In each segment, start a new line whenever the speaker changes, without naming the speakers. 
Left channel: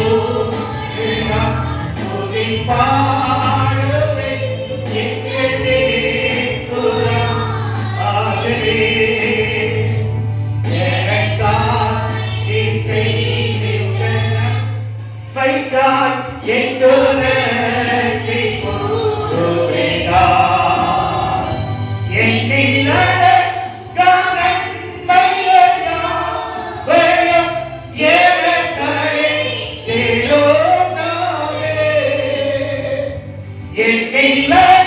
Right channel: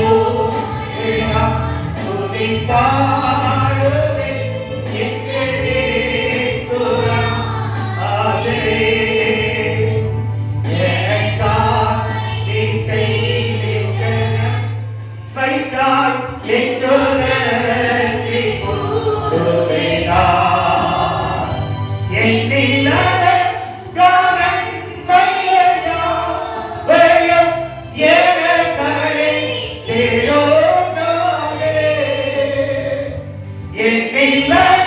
Enough to be in any man.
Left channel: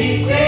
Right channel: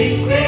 sin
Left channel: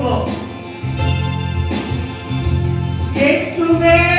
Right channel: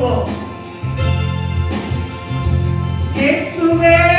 주시옵고 예수의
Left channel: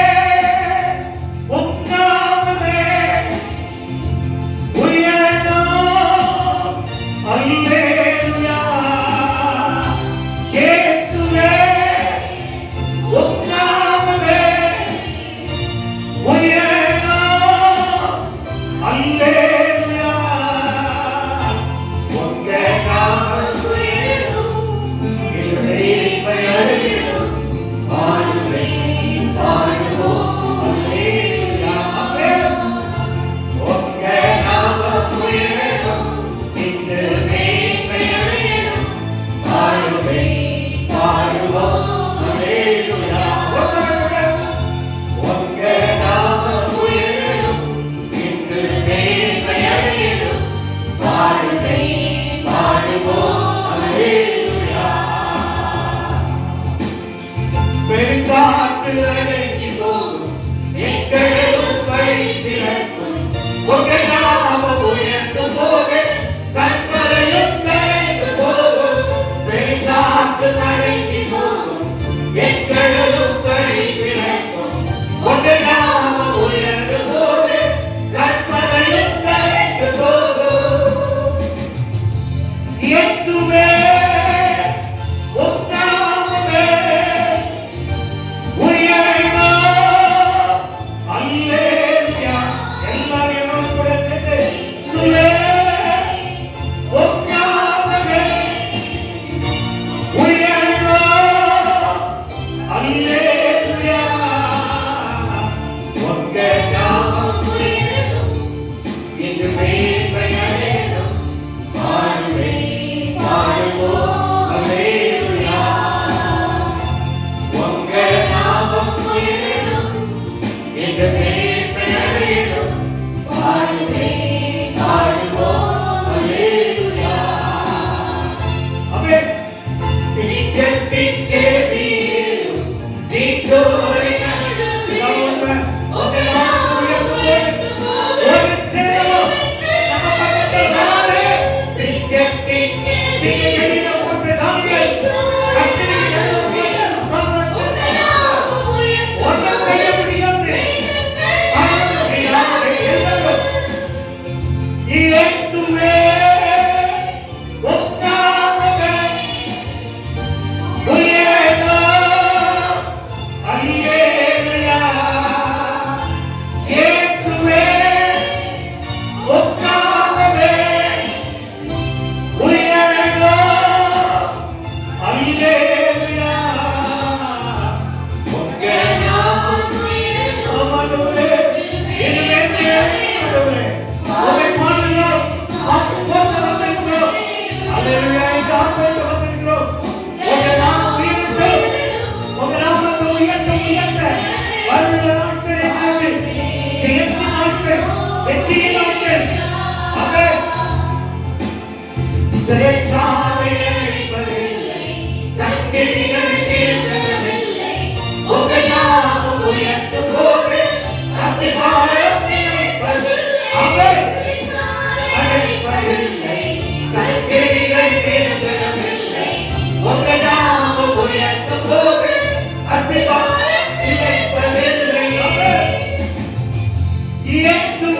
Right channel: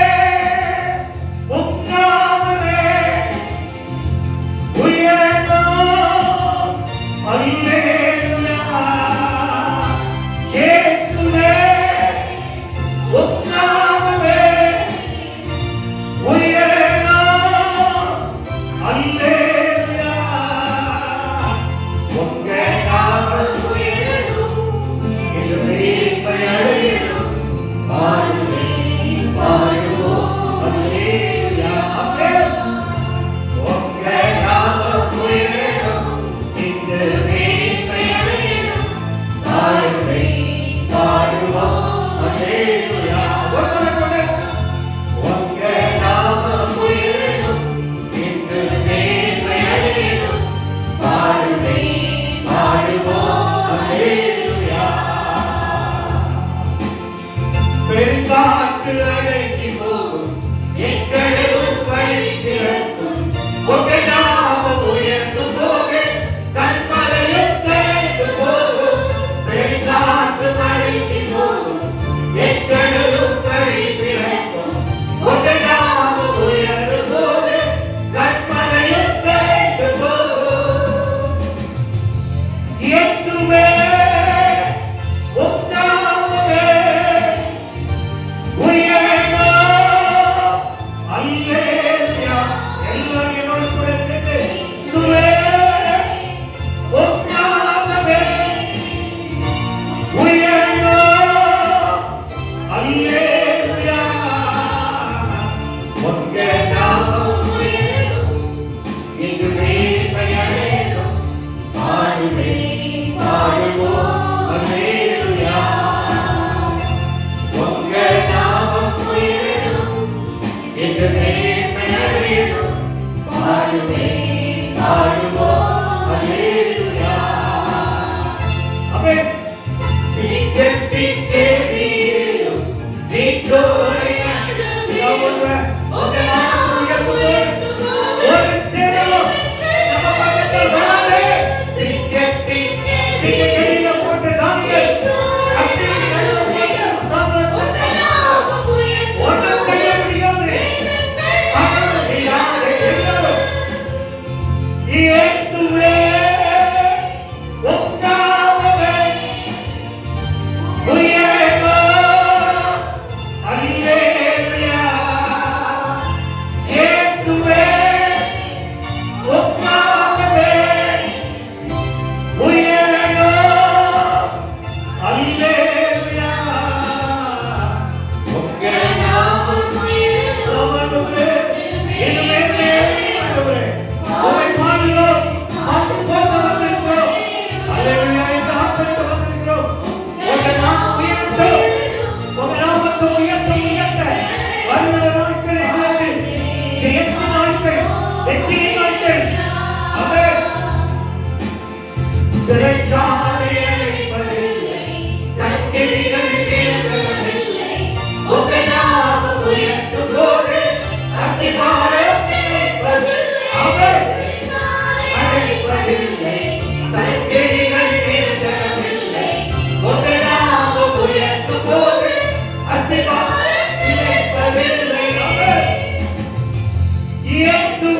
Yes, we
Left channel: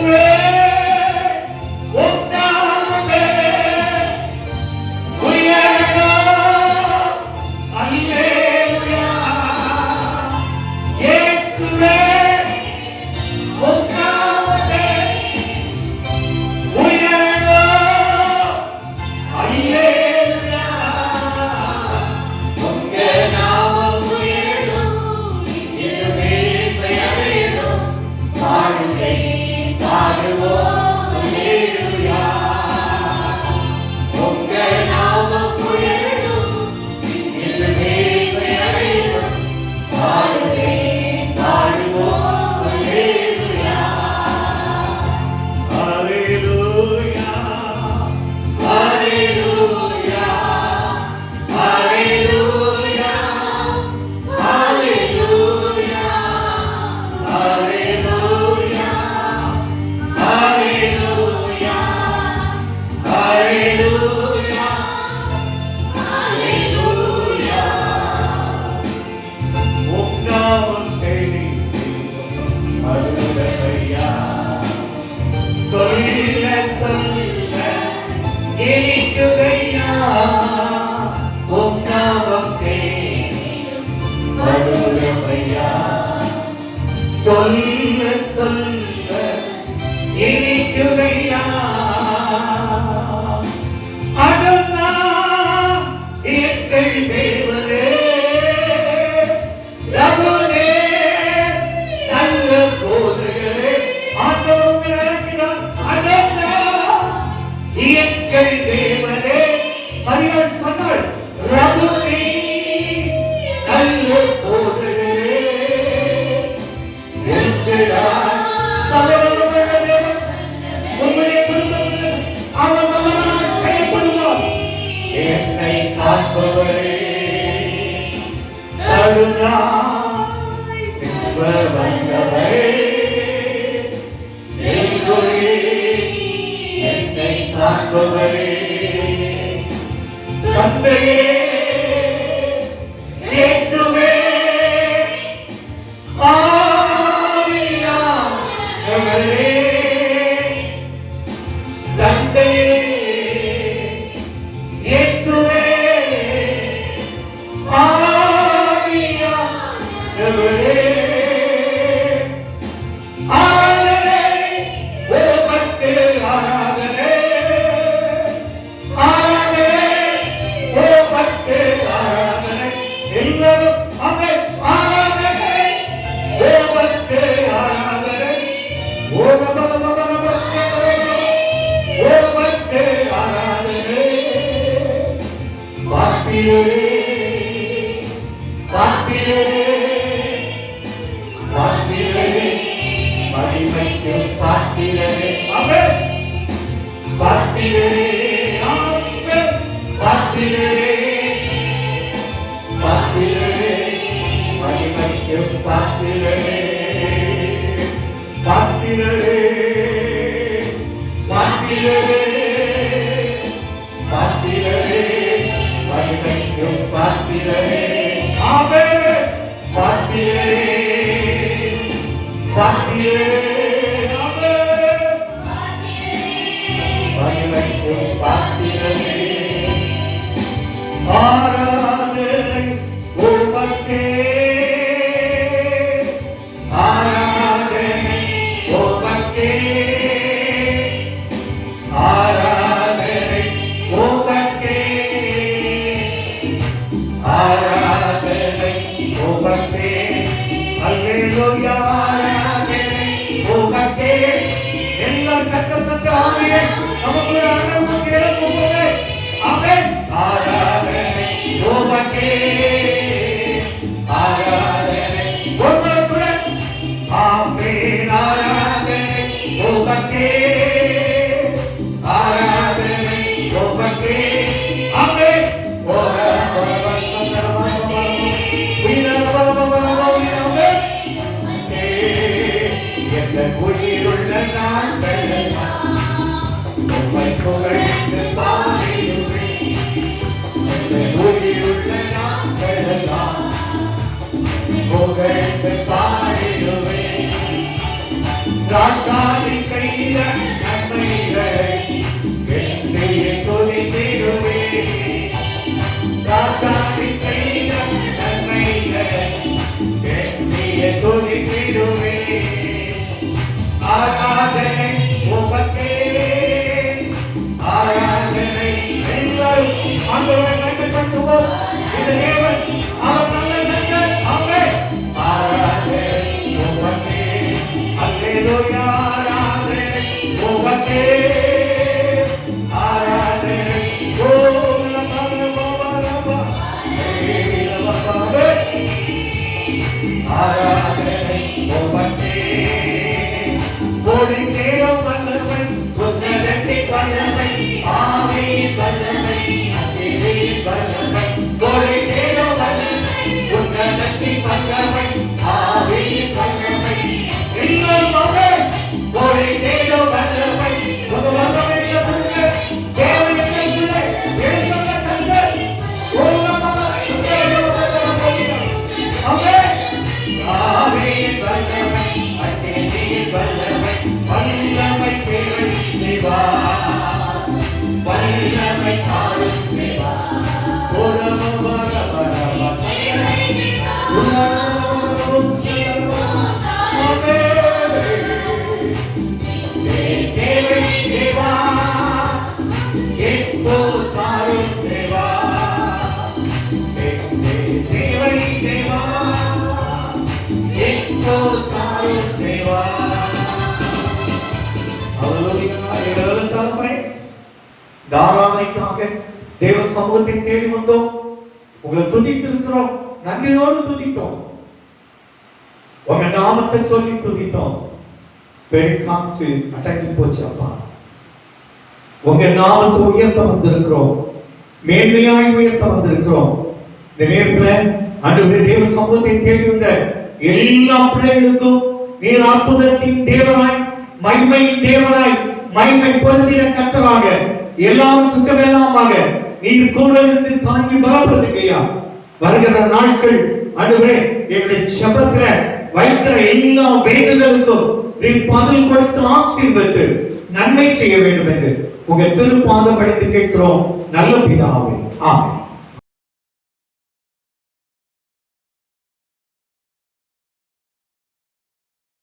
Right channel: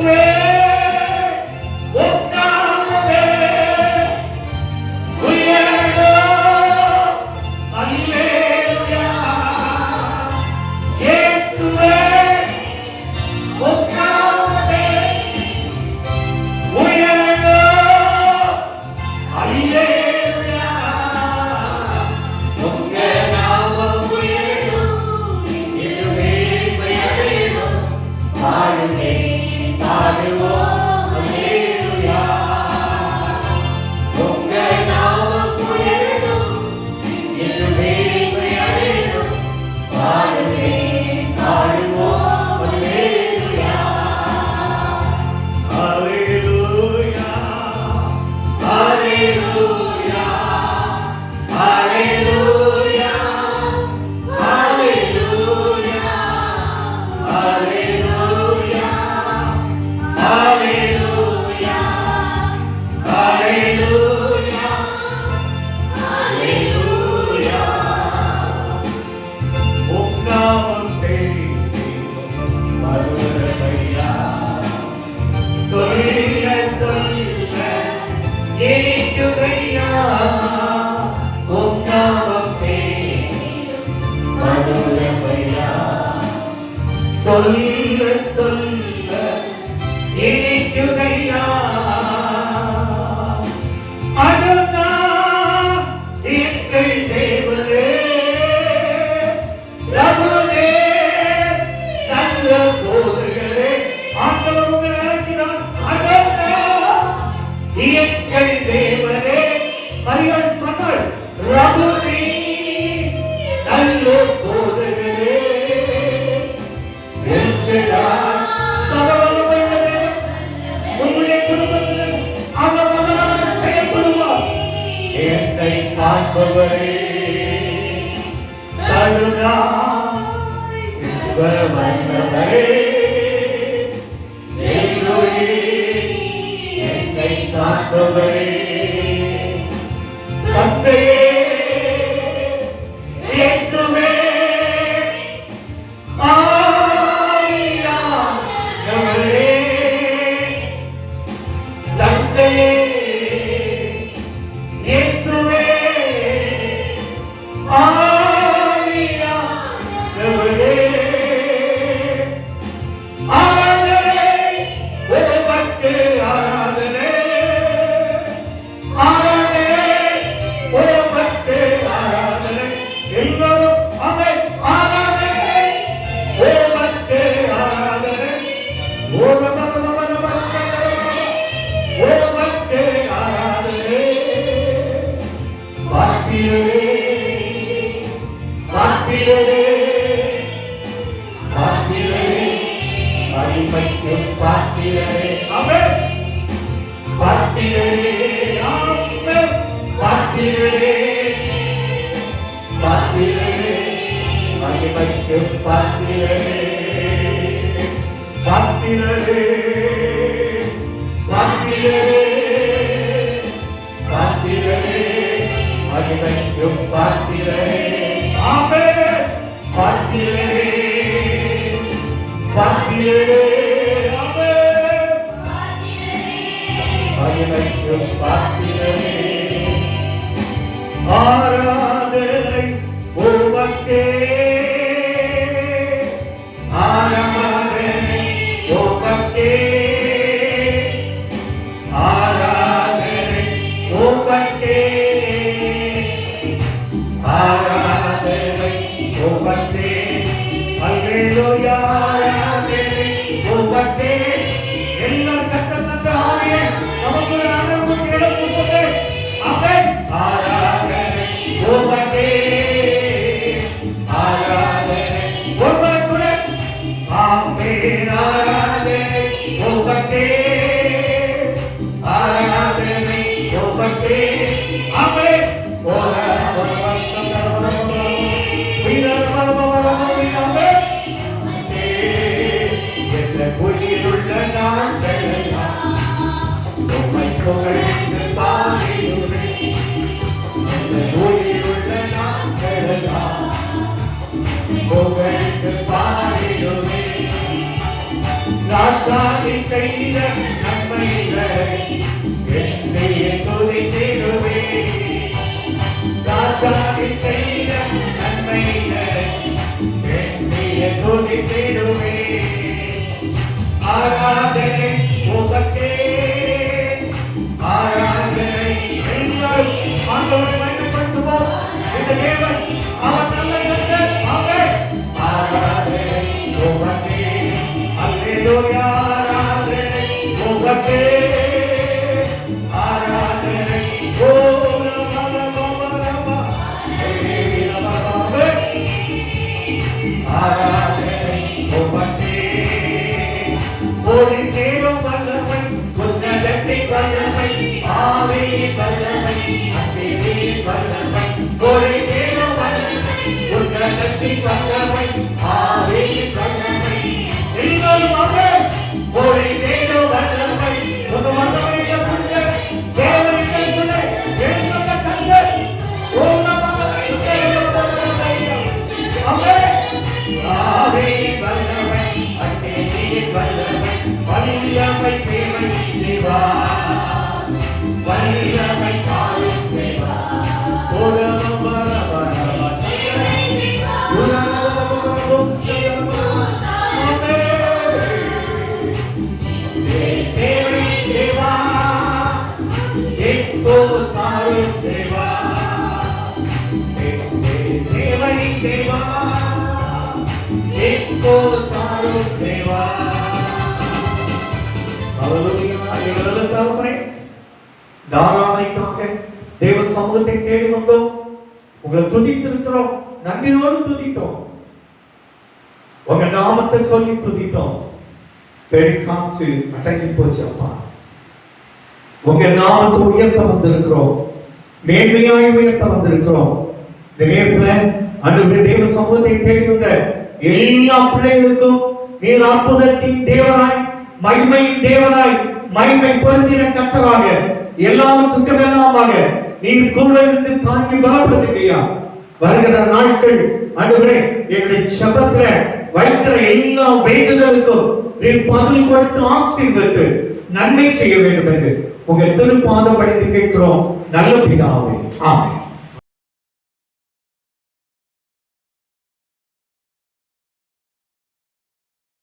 என்னை காப்பவரே தந்தையே ஆராதனை உமக்கே. 감사합니다. தாரும் தேவா தாராமைக்காக தேவ சமூகத்தை தேடி வந்தோம். உங்களை துதித்திருக்கிறோம். நன்றியோடு துதித்தோம். உங்க நாமத்தை சொல்லி துதித்தோம். பெருக்காற்று அடங்கி போச்சு அப்பா. உங்க நாமத்தை உயர்த்த வந்திருக்கிறோம். மேன்மையாய் உயர்த்த வந்திருக்கிறோம். இந்த நேரத்துல அன்று தேவ சமூகத்தை தேடி வந்த எல்லா பிள்ளைகளுக்கும் நீர் அற்புதத்தின் தேவனாய் மகிமையின் தேவனாய் மகிமை பொருந்தின கத்தராக எல்லாரும் சுக்கமெல்லாமாக நீர் கூட இருந்து தாங்கி பலப்படுத்துகையா வருகிற நாட்கள் அன்றுவரே எங்களுடைய சபத்துல வைக்கிற எல்லா வேண்டுதலுக்கும் நீர் பதில் கொடுத்து ஆசீர்வத்து நன்மை செய்ய வேண்டும் என்று உங்க திருப்பாதம் படித்து கேட்கிறோம். நல்ல பிதாவே ஆமே